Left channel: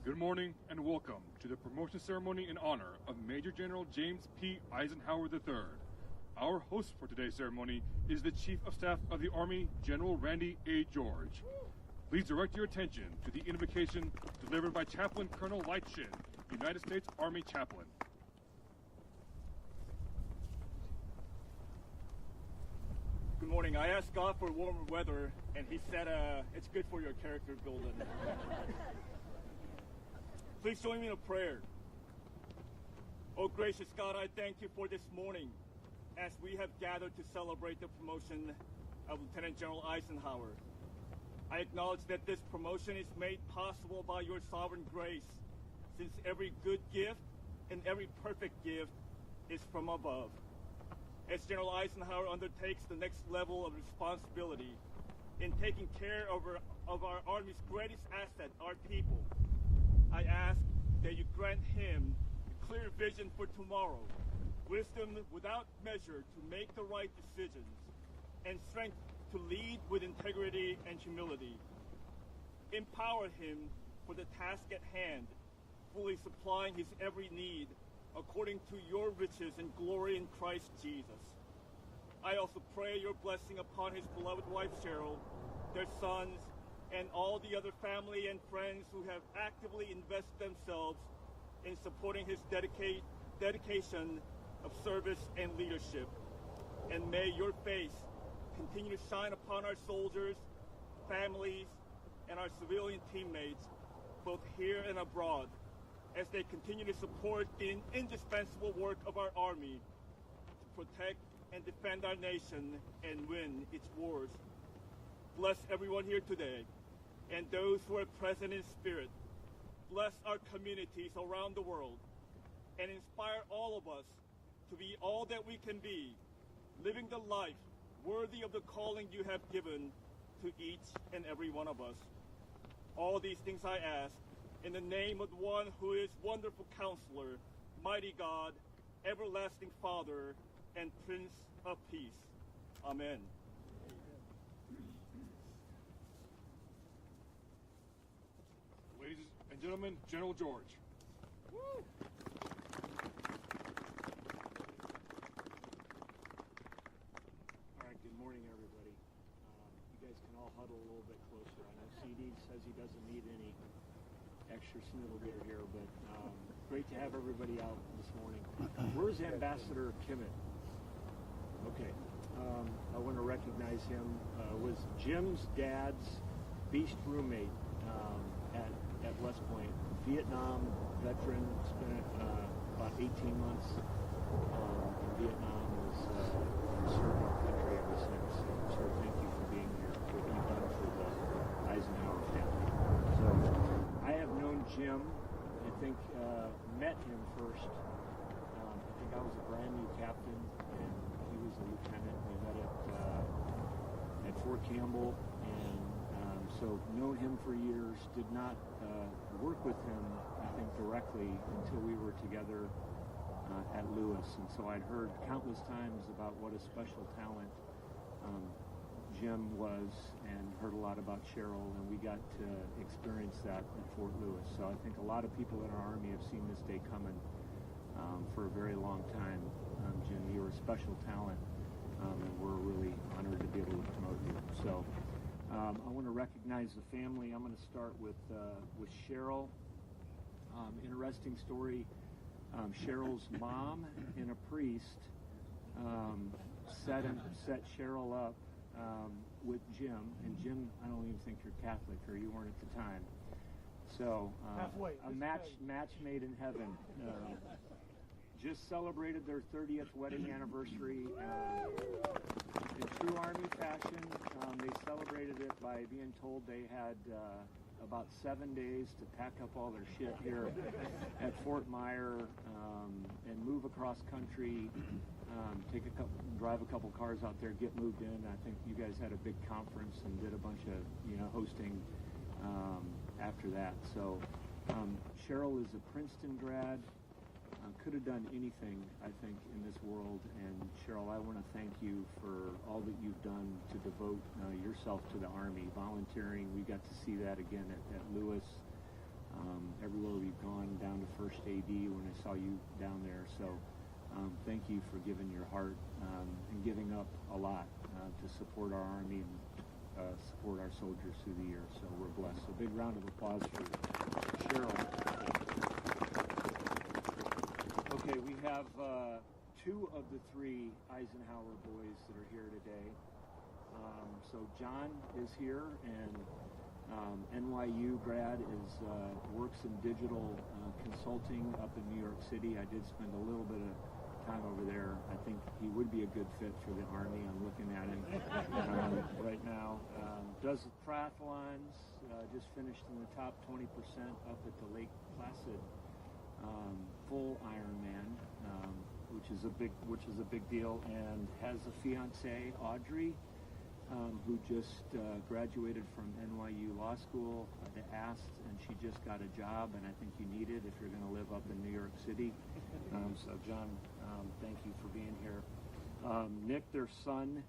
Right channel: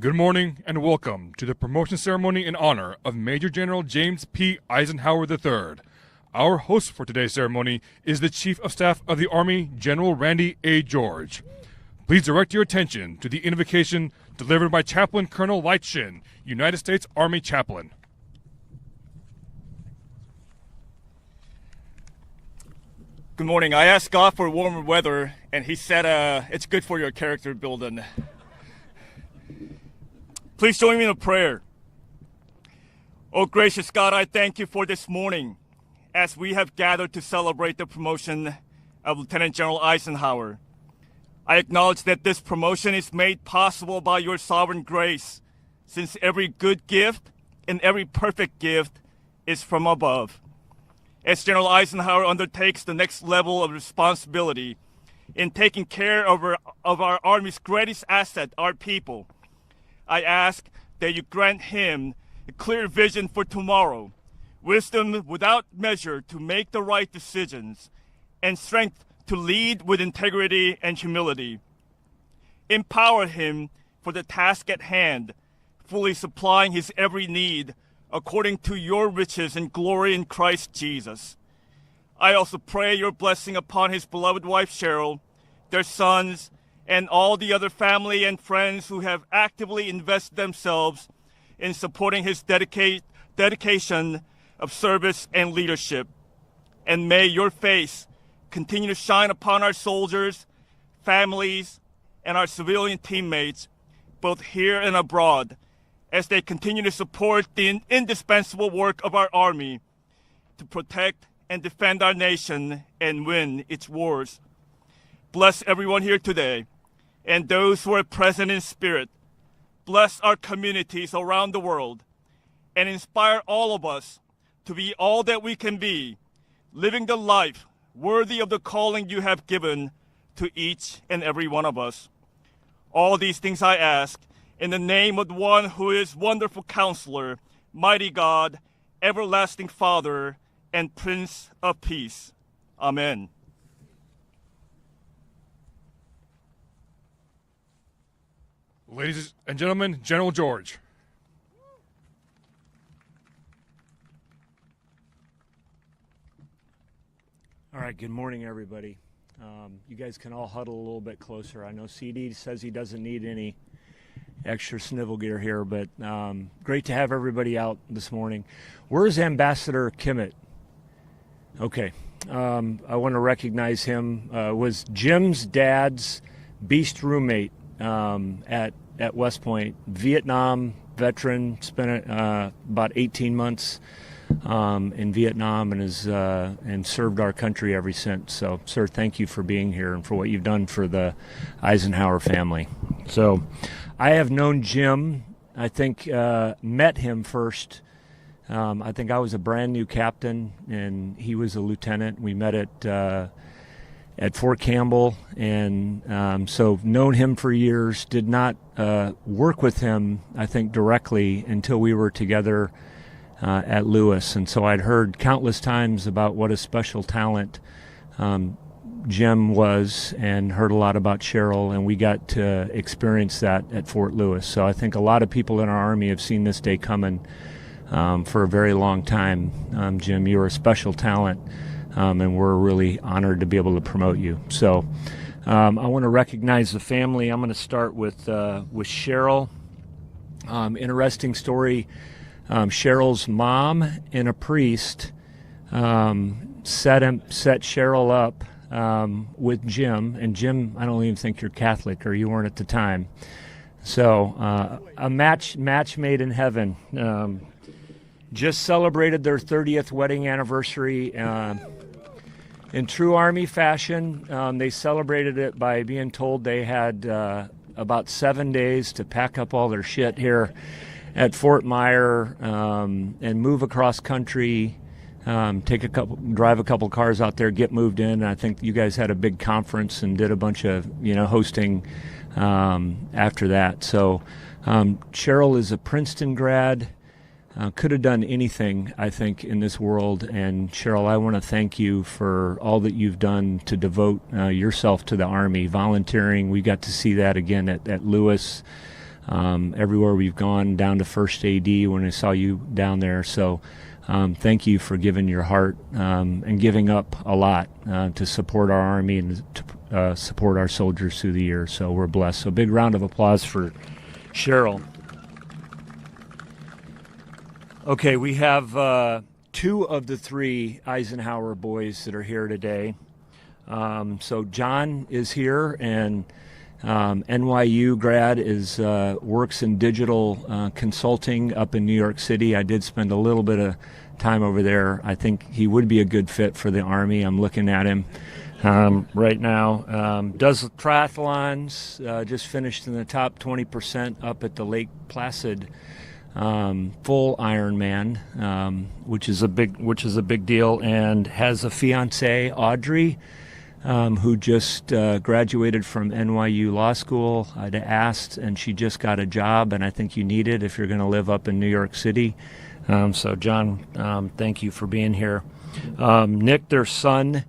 Good morning and welcome to the promotion ceremony in honor of Major General James P. Isenhower III. Our host for today's ceremony is the Chief of Staff of the Army, General Randy A. George. Please direct your attention to the invocation delivered by Chaplain Colonel Light Shin, United States Army Chaplain. Good morning. I asked God for warmer weather, and He said it's good for your character building. Please join me in a prayer. Oh, gracious God, I thank you for this morning as we have gathered to celebrate the promotion of Lieutenant General Isenhower. I acknowledge that this promotion is made possible by your sovereign grace, since every good gift and every perfect gift is from above. As General Isenhower undertakes the next level of responsibility in taking care of our Army's greatest asset, our people, I ask that you grant him a clear vision for tomorrow, wisdom without measure to make the right decisions, and strength to lead with integrity and humility. Empower him for the task at hand, fully supplying his every need according to your riches and glory in Christ Jesus. I also pray your blessing upon his beloved wife Cheryl, their sons, and all the other family and friends who have actively invested themselves in supporting his dedication of service and leadership. And may your face continue to shine upon our soldiers, families, and our civilian teammates, both here and abroad, as they continue to support the indispensable work of our Army to protect and defend our nation and win its wars. Bless everyone here today and those who are present in spirit. Bless our communities around the world and inspire all of us to be all that we can be, living the life worthy of the calling you have given to each and every one of us. All these things I ask in the name of the one who is wonderful counselor, mighty God, everlasting Father, and Prince of Peace. Amen. Ladies and gentlemen, General George. All right, good morning, everybody. You guys can all huddle a little bit closer. I know CD says he doesn't need any extra snivel gear here, but great to have everybody out this morning. Where's Ambassador Kimmett? Okay, I want to recognize him. Was Jim's dad's beast roommate at West Point, Vietnam veteran, spent about 18 months in Vietnam and served our country ever since. So, sir, thank you for being here and for what you've done for the Isenhower family. So, I have known Jim. I think met him first. I think I was a brand new captain and he was a lieutenant. We met at Fort Campbell, and so known him for years. Did not work with him, I think, directly until we were together at Lewis. And so I'd heard countless times about what a special talent Jim was, and heard a lot about Cheryl, and we got to experience that at Fort Lewis. So I think a lot of people in our Army have seen this day coming for a very long time. Jim, you're a special talent, and we're really honored to be able to promote you. So I want to recognize the family. I'm going to start with Cheryl. Interesting story. Cheryl's mom and a priest set Cheryl up with Jim. And Jim, I don't even think you're Catholic, or you weren't at the time. So a match made in heaven. Just celebrated their 30th wedding anniversary. In true Army fashion, they celebrated it by being told they had about 7 days to pack up all their shit here at Fort Myer and move across country, drive a couple cars out there, get moved in. And I think you guys had a big conference and did a bunch of hosting after that. So Cheryl is a Princeton grad. Could have done anything, I think, in this world. And Cheryl, I want to thank you for all that you've done to devote yourself to the Army, volunteering. We got to see that again at Lewis, everywhere we've gone, down to First AD when I saw you down there. So thank you for giving your heart and giving up a lot to support our Army and to support our soldiers through the year. So we're blessed. So big round of applause for Cheryl. Okay, we have two of the three Isenhower boys that are here today. So John is here, and NYU grad works in digital consulting up in New York City. I did spend a little bit of time over there. I think he would be a good fit for the Army. I'm looking at him right now. Does triathlons, just finished in the top 20% up at the Lake Placid full Ironman, which is a big deal, and has a fiancée, Audrey, who just graduated from NYU Law School. I'd asked, and she just got a job, and I think you need it if you're going to live up in New York City. So John, thank you for being here. Nick, their son,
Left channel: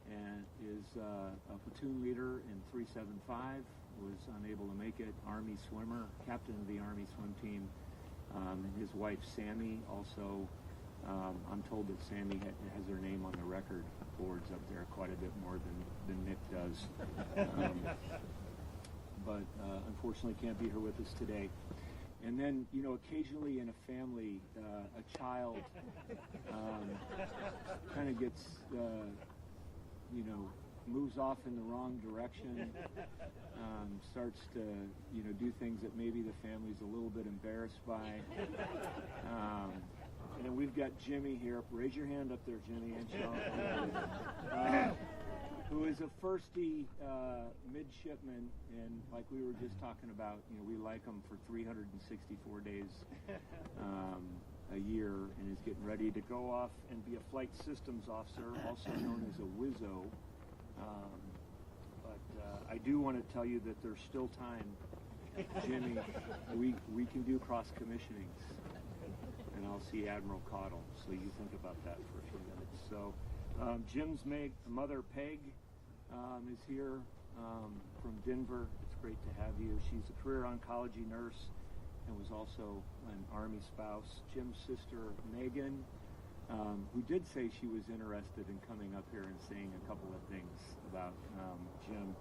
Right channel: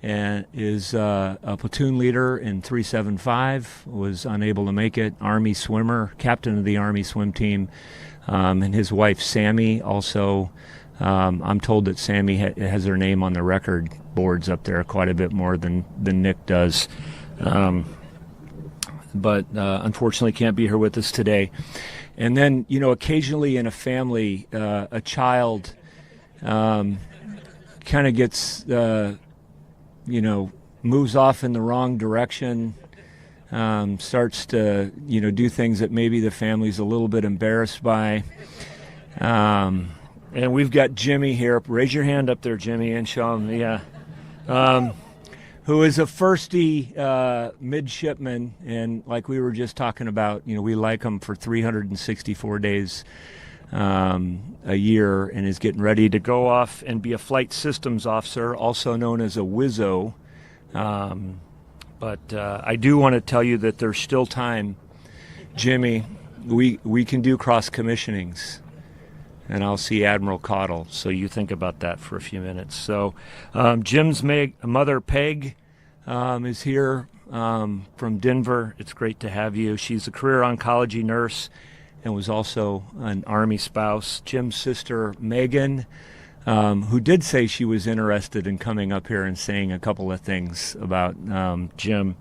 is a platoon leader in 375, was unable to make it, Army swimmer, captain of the Army swim team. And his wife, Sammy, also, I'm told that Sammy has her name on the record boards up there quite a bit more than Nick does. But unfortunately can't be here with us today. And then, occasionally in a family, a child kind of gets, moves off in the wrong direction, starts to, do things that maybe the family's a little bit embarrassed by. And we've got Jimmy here. Raise your hand up there, Jimmy, and show him. Yeah. Who is a firstie midshipman, and like we were just talking about, we like him for 364 days a year, and is getting ready to go off and be a flight systems officer, also known as a WIZO. But I do want to tell you that there's still time, Jimmy. We can do cross commissionings, and I'll see Admiral Cottle. So you think about that for a few minutes. So Jim's mother, Peg, is here from Denver. It's great to have you. She's a career oncology nurse and was also an Army spouse. Jim's sister, Megan, who did say she was interested in coming up here and saying a couple of things about Jim.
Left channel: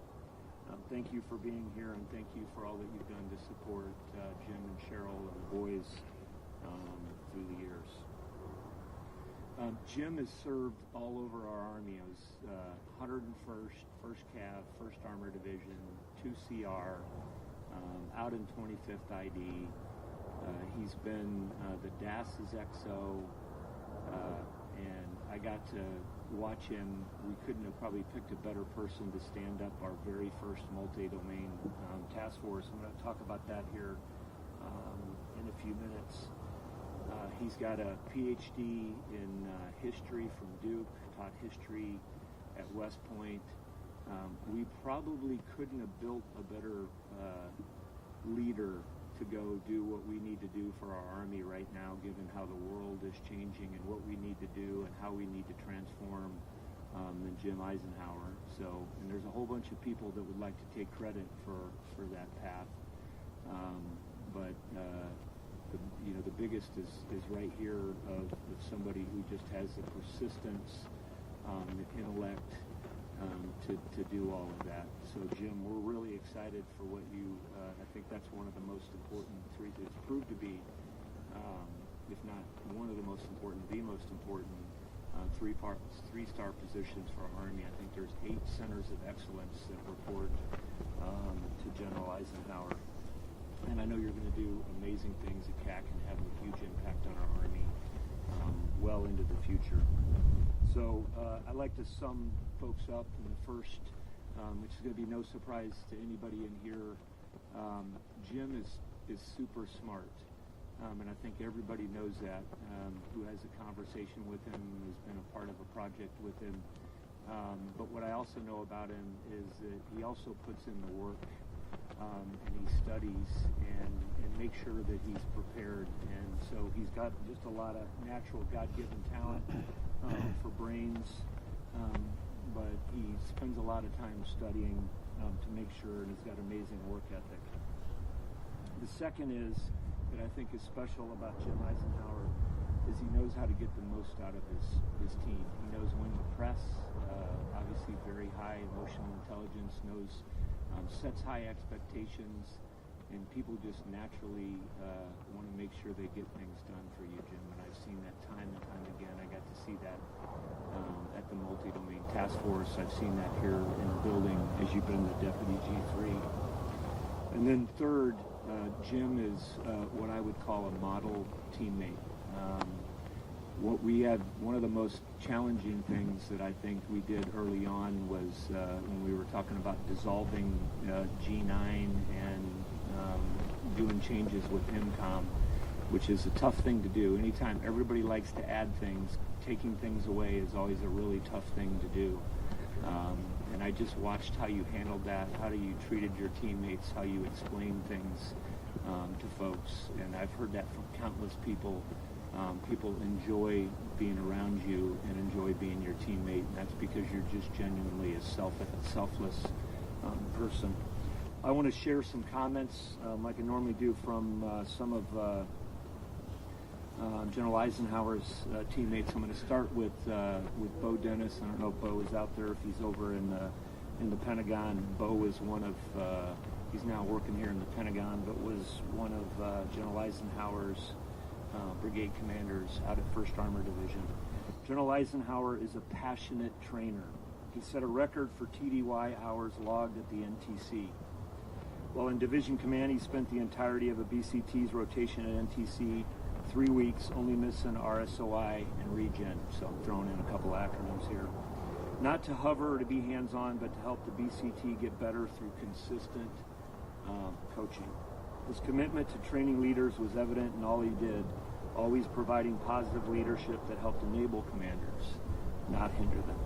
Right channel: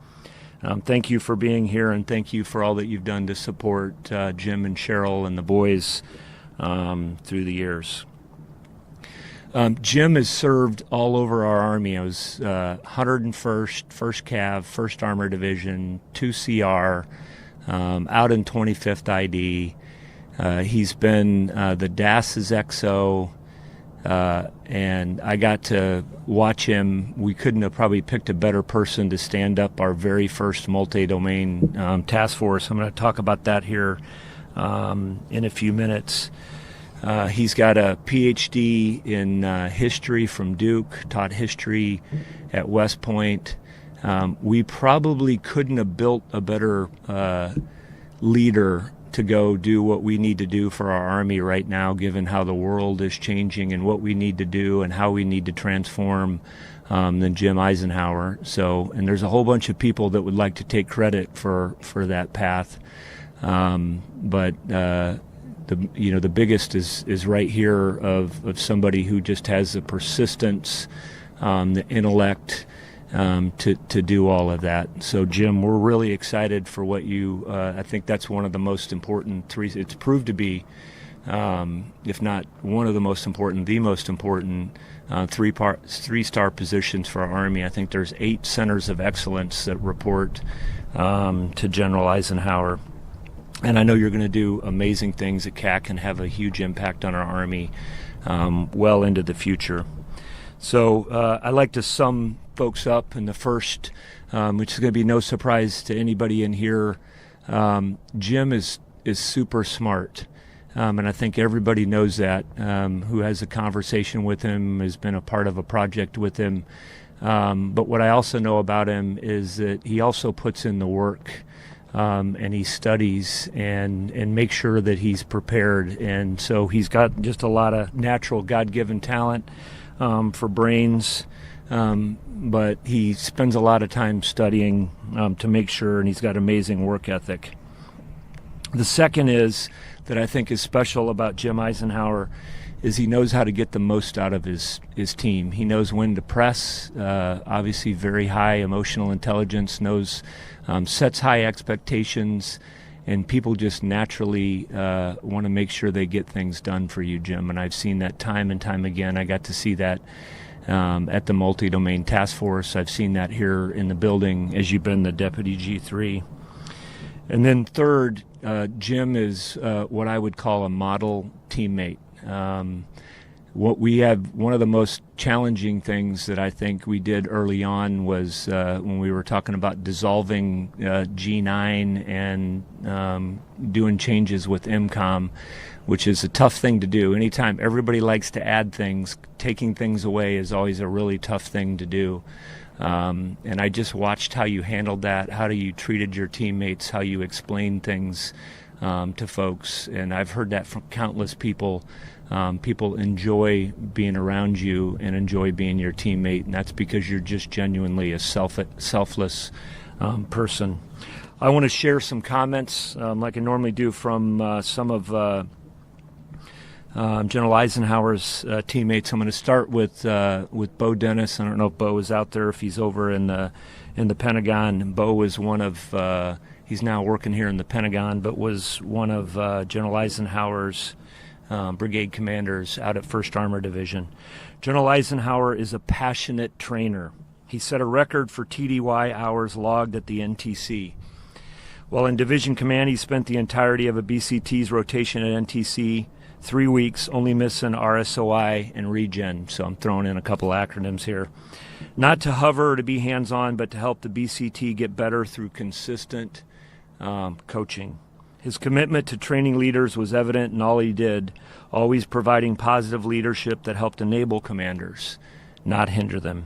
Thank you for being here, and thank you for all that you've done to support Jim and Cheryl and the boys through the years. Jim has served all over our Army. I was 101st, 1st Cav, 1st Armored Division, 2 CR, out in 25th ID. He's been the DAS's XO, and I got to watch him. We couldn't have probably picked a better person to stand up our very first multi-domain task force. I'm going to talk about that here in a few minutes. He's got a PhD in history from Duke, taught history at West Point. We probably couldn't have built a better leader to go do what we need to do for our Army right now, given how the world is changing and what we need to do and how we need to transform than Jim Isenhower. So, and there's a whole bunch of people that would like to take credit for that path. But the biggest is right here of somebody who just has the persistence, the intellect to do all of that. So Jim, we're really excited for what you. I think that's one of the most important three. It's proved to be, if not one of the most important, the most important three-star positions for our Army. I think there's 8 centers of excellence that report to General Isenhower. And I know you're going to do amazing things at CAC and have a huge impact on our Army well into the future. So I'd like to sum folks up in the first, which is going to be no surprise to anybody in here. Jim is super smart, and I think everybody knows that, who has a conversation with him, has been a part of a project with him. But what I also know about him is that he also puts in the work. And he studies and makes sure that he's prepared. And so he's got just a lot of natural God-given talent for brains, but he spends a lot of time studying to make sure, and he's got amazing work ethic. The second is that I think is special about Jim Isenhower is he knows how to get the most out of his team. He knows when to press, obviously very high emotional intelligence, knows sets high expectations, and people just naturally want to make sure they get things done for you, Jim. And I've seen that time and time again. I got to see that at the Multi-Domain Task Force. I've seen that here in the building as you've been the Deputy G3. And then third, Jim is what I would call a model teammate. What we have, one of the most challenging things that I think we did early on was when we were talking about dissolving G9 and doing changes with MCOM, which is a tough thing to do. Anytime everybody likes to add things, taking things away is always a really tough thing to do. And I just watched how you handled that, how you treated your teammates, how you explained things to folks. And I've heard that from countless people. People enjoy being around you and enjoy being your teammate, and that's because you're just genuinely a selfless person. I want to share some comments, like I normally do, from some of General Eisenhower's teammates. I'm going to start with Bo Dennis. I don't know if Bo is out there, if he's over in the Pentagon. Bo is one of he's now working here in the Pentagon, but was one of General Eisenhower's brigade commanders out at 1st Armored Division. General Isenhower is a passionate trainer. He set a record for TDY hours logged at the NTC. While in division command, he spent the entirety of a BCT's rotation at NTC, 3 weeks, only missing RSOI and regen. So I'm throwing in a couple acronyms here. Not to hover or to be hands-on, but to help the BCT get better through consistent coaching. His commitment to training leaders was evident in all he did, always providing positive leadership that helped enable commanders, not hinder them.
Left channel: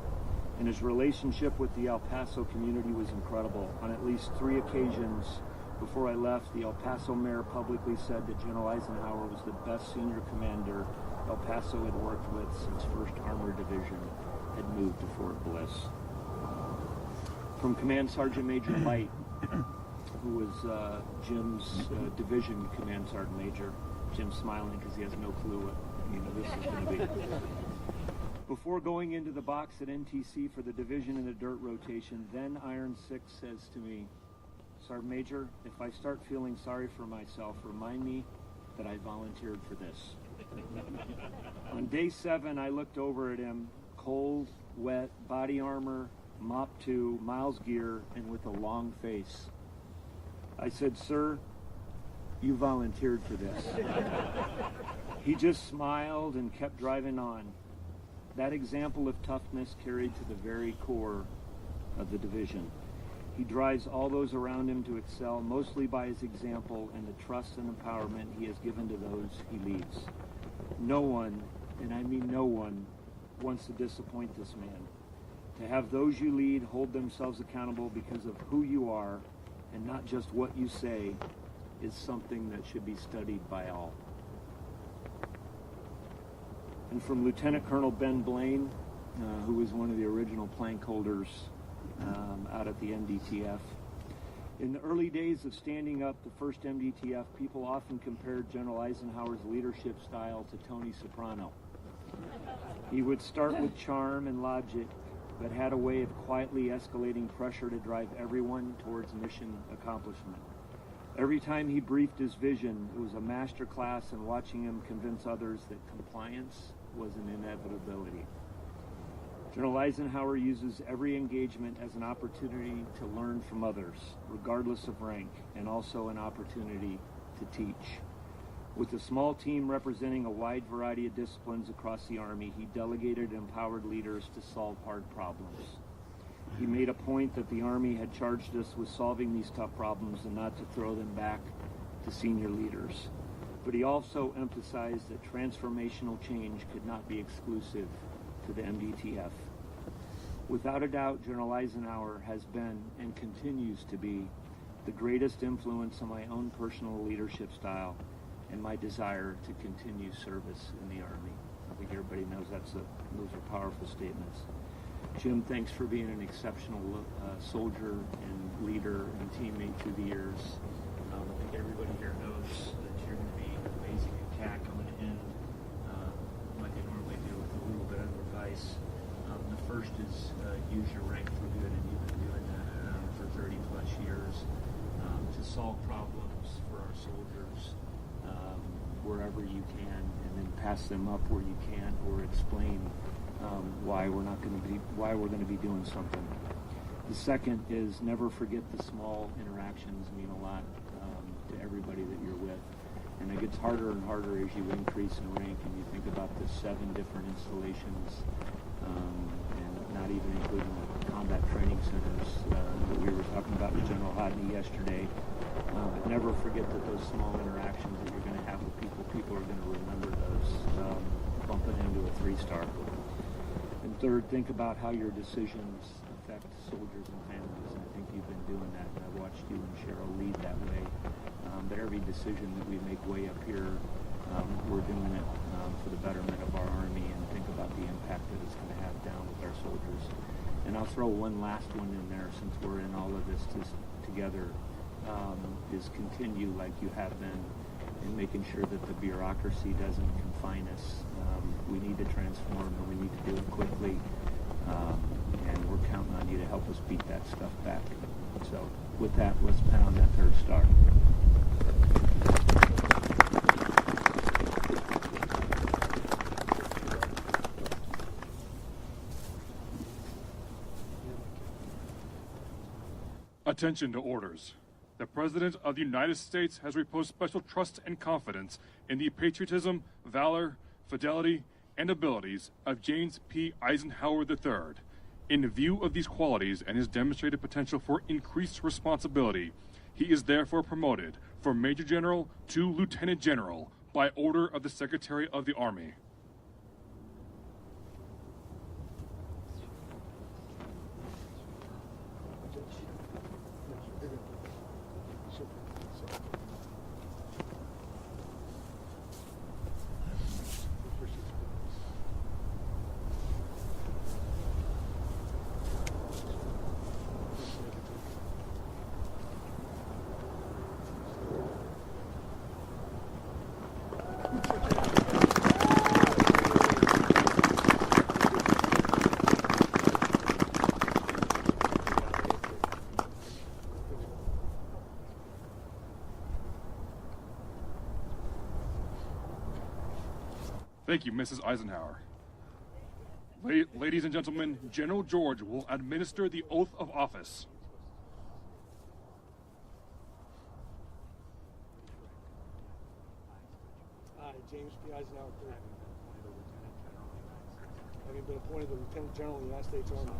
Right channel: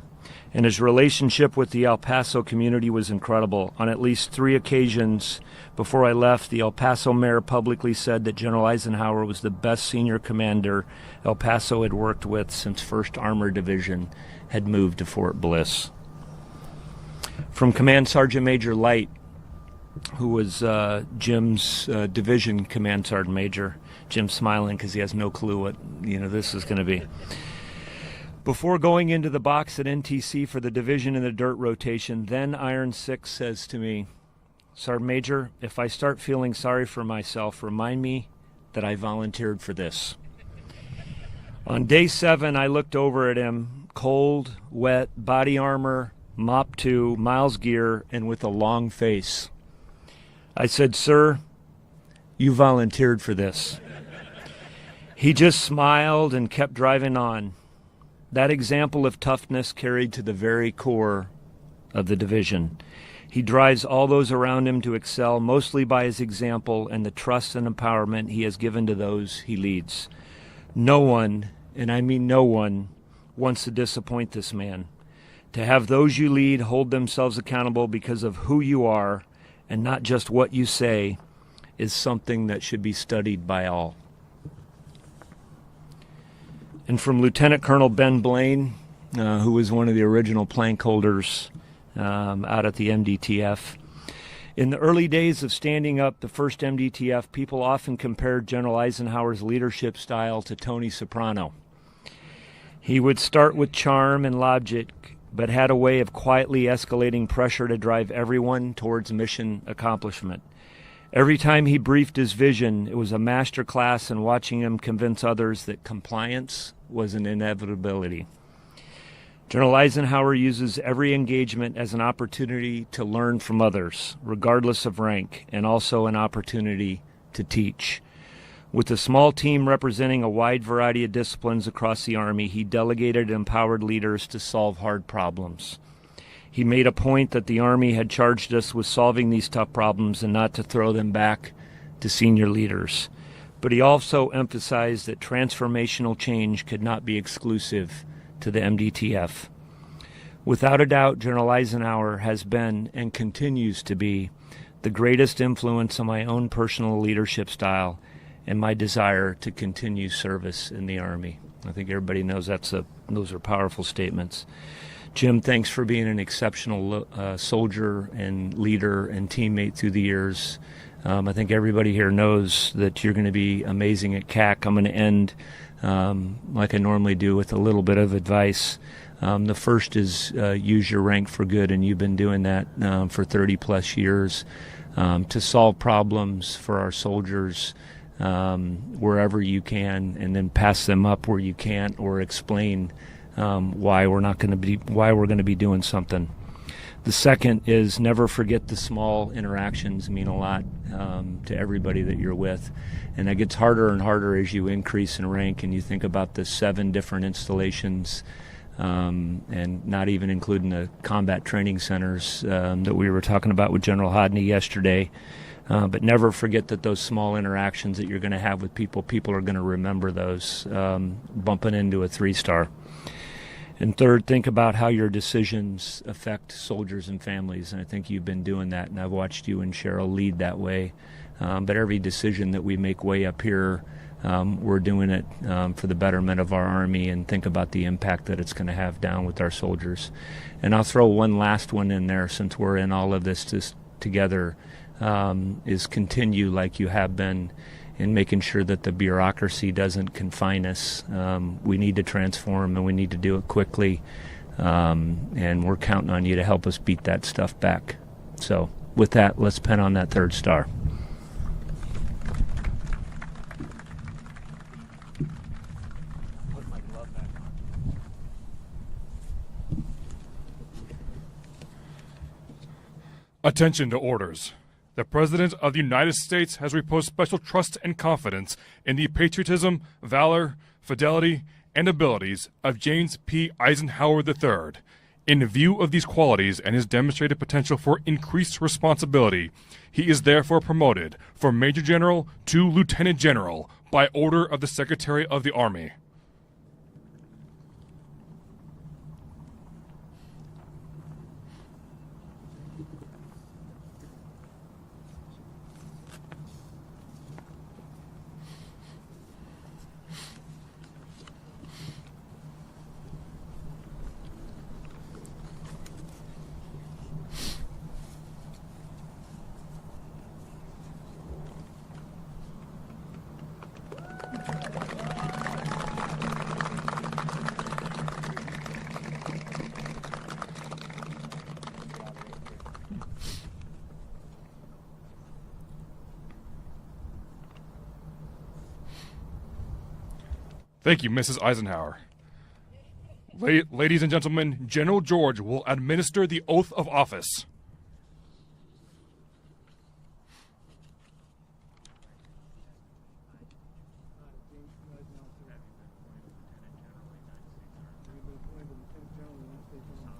And his relationship with the El Paso community was incredible. On at least 3 occasions before I left, the El Paso mayor publicly said that General Isenhower was the best senior commander El Paso had worked with since 1st Armored Division had moved to Fort Bliss. From Command Sergeant Major Light, who was Jim's division command sergeant major. Jim's smiling because he has no clue what this is going to be. Before going into the box at NTC for the division in the dirt rotation, then Iron 6 says to me, "Sergeant Major, if I start feeling sorry for myself, remind me that I volunteered for this." On day 7, I looked over at him, cold, wet, body armor, MOP 2, Miles gear, and with a long face. I said, "Sir, you volunteered for this." He just smiled and kept driving on. That example of toughness carried to the very core of the division. He drives all those around him to excel, mostly by his example and the trust and empowerment he has given to those he leads. No one, and I mean no one, wants to disappoint this man. To have those you lead hold themselves accountable because of who you are and not just what you say is something that should be studied by all. And from Lieutenant Colonel Ben Blaine, who was one of the original plank holders out at the MDTF, In the early days of standing up the first MDTF, people often compared General Eisenhower's leadership style to Tony Soprano. He would start with charm and logic, but had a way of quietly escalating pressure to drive everyone towards mission accomplishment. Every time he briefed his vision, it was a master class in watching him convince others that compliance was an inevitability. General Eisenhower uses every engagement as an opportunity to learn from others, regardless of rank, and also an opportunity to teach. With a small team representing a wide variety of disciplines across the Army, he delegated and empowered leaders to solve hard problems. He made a point that the Army had charged us with solving these tough problems and not to throw them back to senior leaders. But he also emphasized that transformational change could not be exclusive to the MDTF. Without a doubt, General Eisenhower has been and continues to be the greatest influence on my own personal leadership style and my desire to continue service in the Army. I think everybody knows those are powerful statements. Jim, thanks for being an exceptional soldier and leader and teammate through the years. I think everybody here knows that you're going to be amazing at CAC. I'm going to end like I normally do with a little bit of advice. The first is use your rank for good, and you've been doing that for 30 plus years to solve problems for our soldiers wherever you can, and then pass them up where you can't, or explain why we're going to be doing something. The second is never forget the small interactions mean a lot to everybody that you're with. And it gets harder and harder as you increase in rank and you think about the 7 different installations, and not even including the combat training centers that we were talking about with General Hodney yesterday. But never forget that those small interactions that you're going to have with people are going to remember those, bumping into a 3-star. And third, think about how your decisions affect soldiers and families. And I think you've been doing that, and I've watched you and Cheryl lead that way. But every decision that we make way up here, we're doing it for the betterment of our Army, and think about the impact that it's going to have down with our soldiers. And I'll throw one last one in there, since we're in all of this together, is continue like you have been in making sure that the bureaucracy doesn't confine us. We need to transform, and we need to do it quickly, and we're counting on you to help us beat that stuff back. So with that, let's pin on that 3rd star. Attention to orders. The President of the United States has reposed special trust and confidence in the patriotism, valor, fidelity, and abilities of James P. Isenhower III. In view of these qualities and his demonstrated potential for increased responsibility, he is therefore promoted from Major General to Lieutenant General by order of the Secretary of the Army. Thank you, Mrs. Eisenhower. Ladies and gentlemen, General George will administer the oath of office. I, James P. Eisenhower III, having been appointed the Lieutenant General of the United States Army,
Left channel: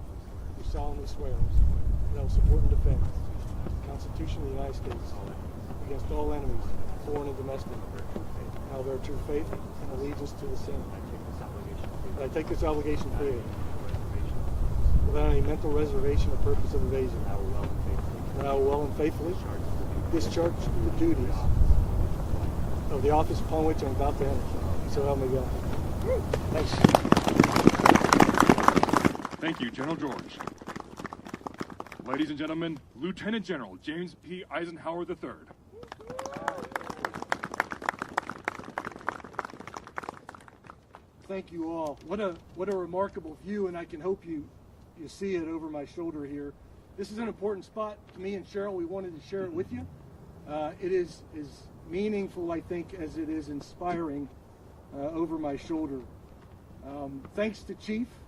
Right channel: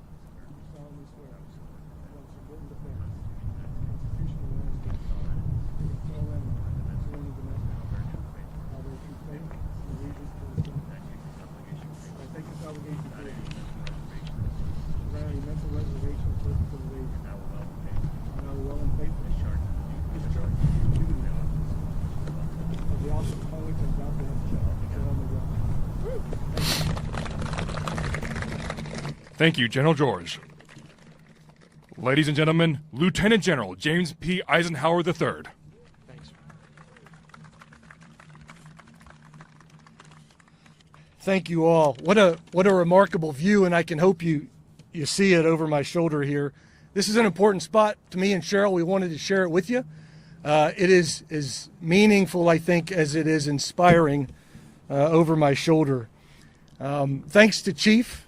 do solemnly swear that I will support and defend the Constitution of the United States against all enemies, foreign and domestic. I will bear true faith and allegiance to the same. That I take this obligation freely, without any mental reservation or purpose of evasion. That I will well and faithfully discharge the duties of the office upon which I'm about to enter. So help me God. Thank you, General George. Ladies and gentlemen, Lieutenant General James P. Isenhower III. Thank you all. What a remarkable view, and I can hope you see it over my shoulder here. This is an important spot to me and Cheryl. We wanted to share it with you. It is as meaningful, I think, as it is inspiring over my shoulder. Thanks to Chief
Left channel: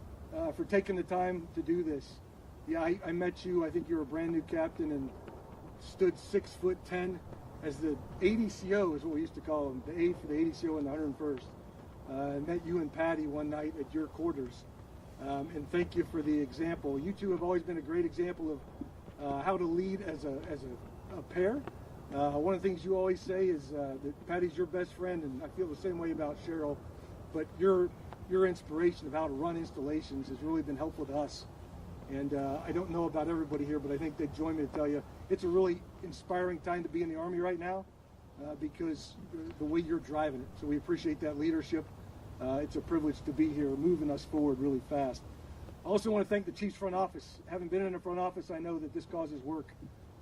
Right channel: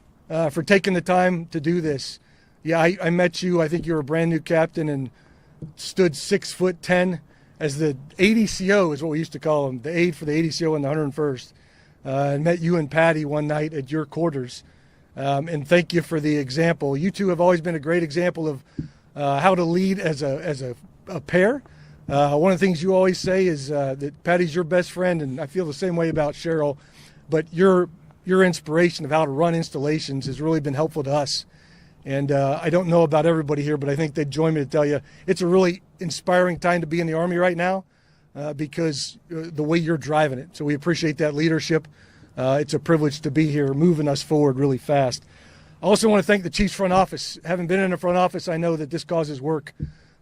for taking the time to do this. Yeah, I met you. I think you were a brand new captain and stood 6'10" as the ADCO is what we used to call him, the aide for the ADCO in the 101st. And met you and Patty one night at your quarters. And thank you for the example. You two have always been a great example of how to lead as a pair. One of the things you always say is that Patty's your best friend, and I feel the same way about Cheryl. But your inspiration of how to run installations has really been helpful to us. And I don't know about everybody here, but I think they'd join me to tell you it's a really inspiring time to be in the Army right now because the way you're driving it. So we appreciate that leadership. It's a privilege to be here, moving us forward really fast. I also want to thank the Chiefs front office. Having been in the front office, I know that this causes work.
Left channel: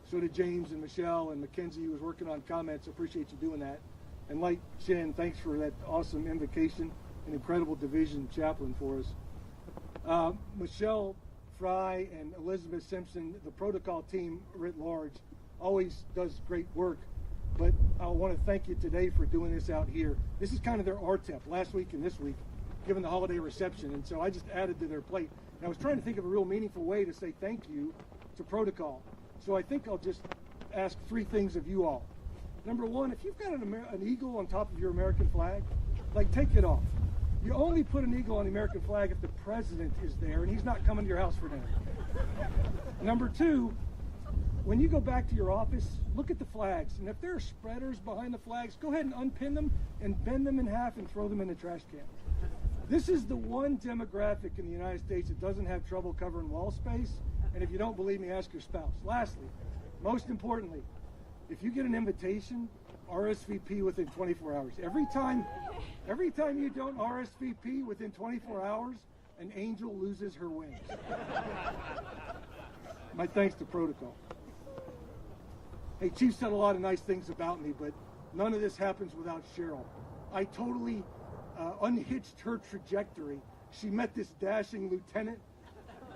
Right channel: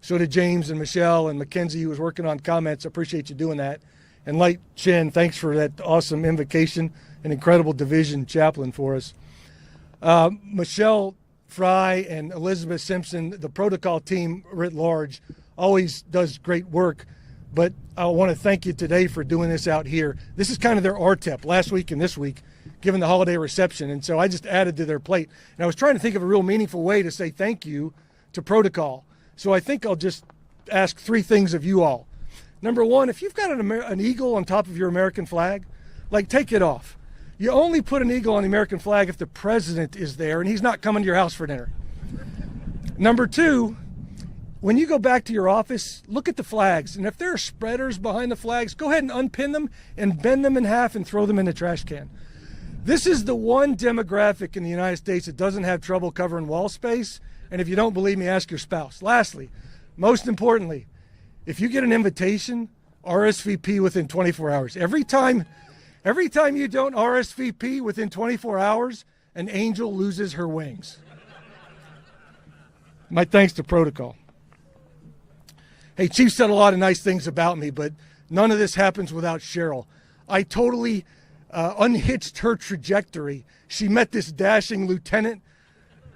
So did James and Michelle and Mackenzie, who was working on comments. I appreciate you doing that. And Light Chin, thanks for that awesome invocation, an incredible division chaplain for us. Michelle Fry and Elizabeth Simpson, the protocol team writ large, always does great work. But I want to thank you today for doing this out here. This is kind of their RTEP last week and this week, given the holiday reception. And so I just added to their plate. And I was trying to think of a real meaningful way to say thank you to protocol. So I think I'll just ask three things of you all. Number one, if you've got an eagle on top of your American flag, like take it off. You only put an eagle on the American flag if the president is there and he's not coming to your house for dinner. Number two, when you go back to your office, look at the flags. And if there are spreaders behind the flags, go ahead and unpin them and bend them in half and throw them in the trash can. This is the one demographic in the United States that doesn't have trouble covering wall space. And if you don't believe me, ask your spouse. Lastly, most importantly, if you get an invitation, RSVP within 24 hours. Every time you don't RSVP within 24 hours, an angel loses her wings. My thanks to protocol. Hey, Chief said a lot of nice things about me, but none of this happens without Cheryl. I totally unhitched her trajectory. She met this dashing lieutenant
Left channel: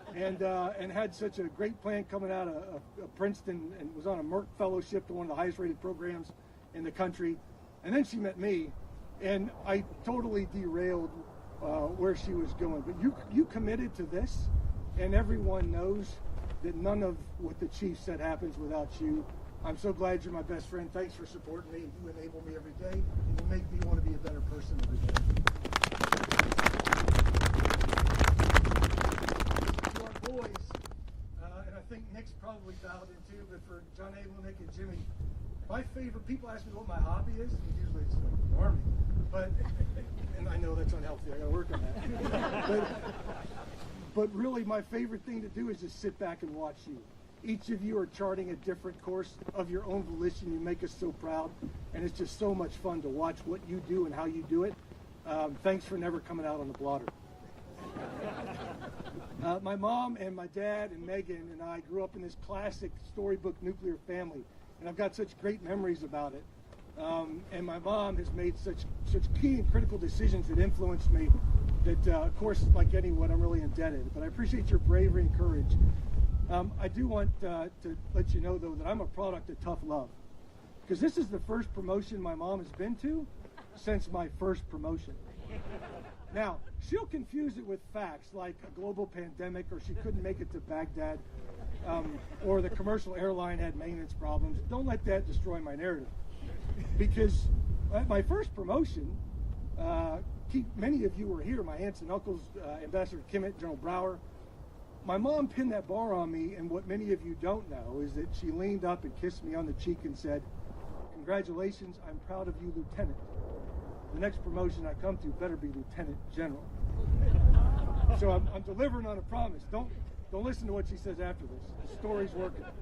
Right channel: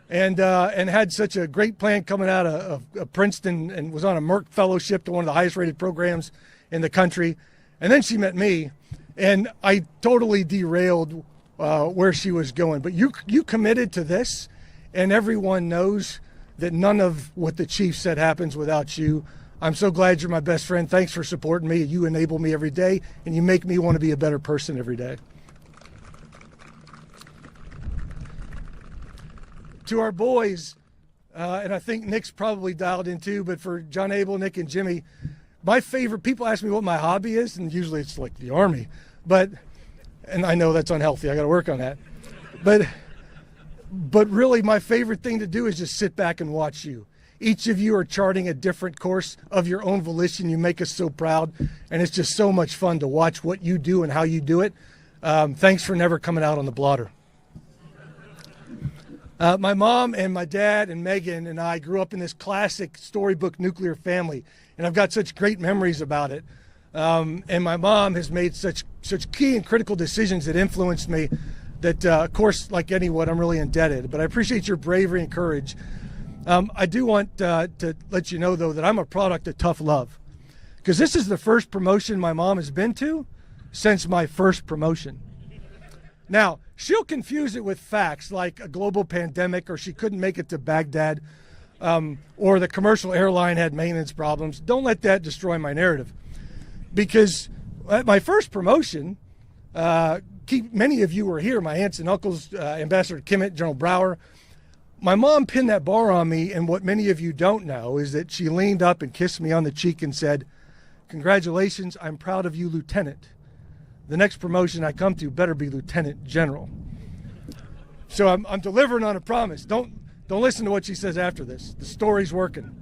and had such a great plan coming out of Princeton and was on a Merck fellowship to one of the highest rated programs in the country. And then she met me, and I totally derailed where she was going. But you committed to this, and everyone knows that none of what the Chief said happens without you. I'm so glad you're my best friend. Thanks for supporting me. You enable me every day, and you make me want to be a better person every day. To our boys, and I think Nick's probably dialed in too, but for John Abel, Nick, and Jimmy, my favorite, people ask me what my hobby is, and usually it's like the Army. And I know that's unhealthy. I got to work on that. But really, my favorite thing to do is just sit back and watch you. Each of you are charting a different course of your own volition. You make us so proud, and it's just so much fun to watch what you do and how you do it. Thanks for never coming out on the blotter. My mom and my dad and Megan and I grew up in this classic storybook nuclear family, and I've got such great memories about it. And my mom has made such key and critical decisions that influenced me that, of course, like anyone, I'm really indebted. But I appreciate your bravery and courage. I do want to let you know, though, that I'm a product of tough love, because this is the first promotion my mom has been to since my first promotion. Now, she'll confuse it with facts like a global pandemic, or she couldn't make it to Baghdad, or the commercial airline had maintenance problems. Don't let that destroy my narrative. Because at my first promotion, many of you were here, my aunts and uncles, Ambassador Kimmett, General Brower. My mom pinned that bar on me, and what many of you don't know is that she leaned up and kissed me on the cheek and said, "Congratulations, I'm proud of you, Lieutenant. The next promotion I come to better be Lieutenant General." So I'm delivering on a promise. Don't listen to what she says after this. The story's working.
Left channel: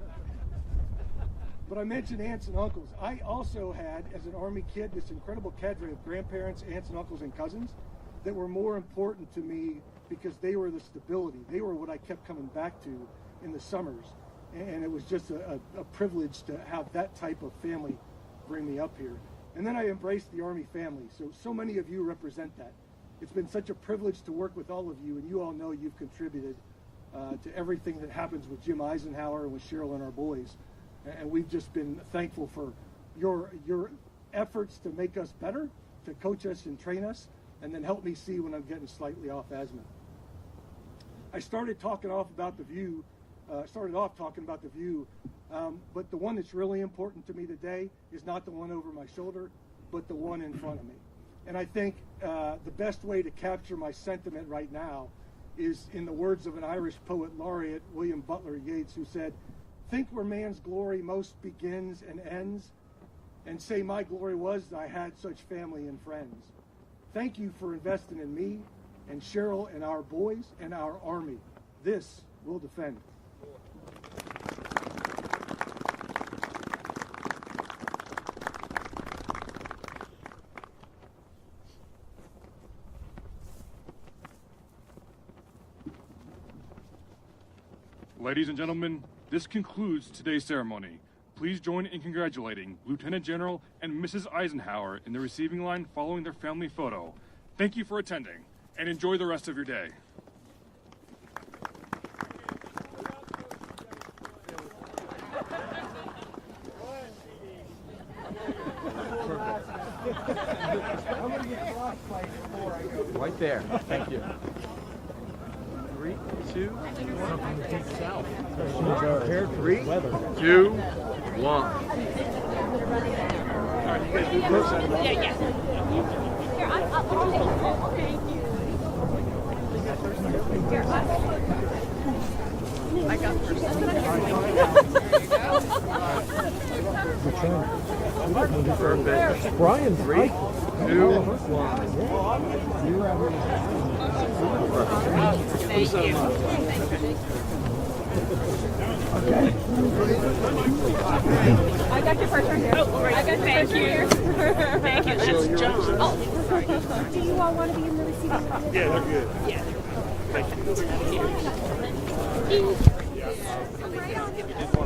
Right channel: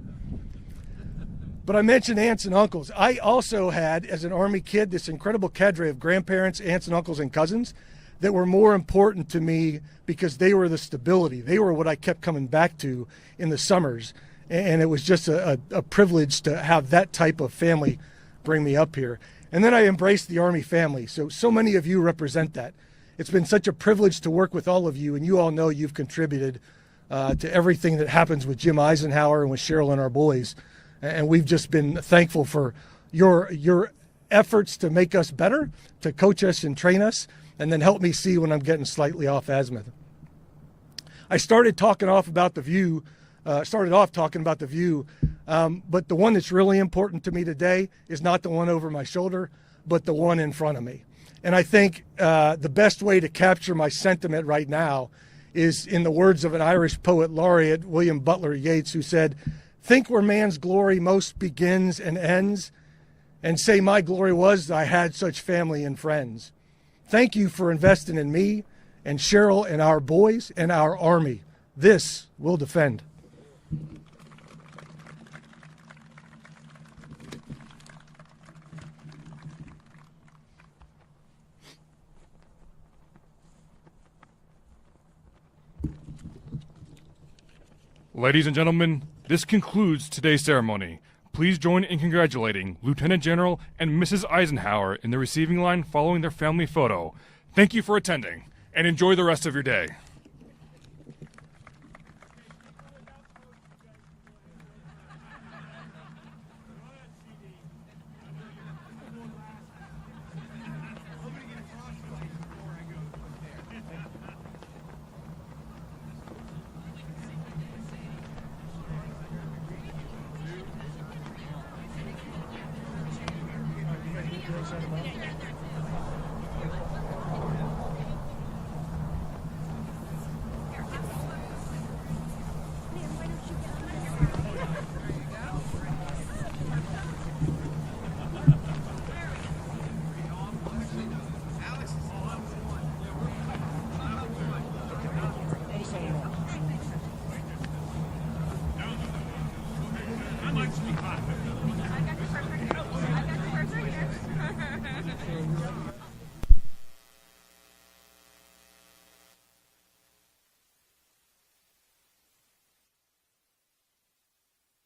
But I mentioned aunts and uncles. I also had, as an Army kid, this incredible cadre of grandparents, aunts and uncles and cousins that were more important to me because they were the stability. They were what I kept coming back to in the summers. And it was just a privilege to have that type of family bring me up here. And then I embraced the Army family. So many of you represent that. It's been such a privilege to work with all of you, and you all know you've contributed to everything that happens with Jim Isenhower and with Cheryl and our boys. And we've just been thankful for your efforts to make us better, to coach us and train us, and then help me see when I'm getting slightly off azimuth. I started talking off about the view, but the one that's really important to me today is not the one over my shoulder, but the one in front of me. And I think the best way to capture my sentiment right now is in the words of an Irish poet laureate, William Butler Yeats, who said, "Think where man's glory most begins and ends, and say my glory was I had such family and friends. Thank you for investing in me and Cheryl and our boys and our Army. This we'll defend." Ladies and gentlemen, this concludes today's ceremony. Please join in congratulating Lieutenant General and Mrs. Isenhower in the receiving line following their family photo. Thank you for attending, and enjoy the rest of your day. Right there. Thank you. 3, 2, 1. 3, 2, 1. I got Perfect. Brian, 3, 2, 1. Thank you. I got your first right here. I got your first right here. Thank you. That's John. Oh, sorry. Do you all want to be in the receiving line? Yeah, they're good. Yeah. Thank you. Yeah.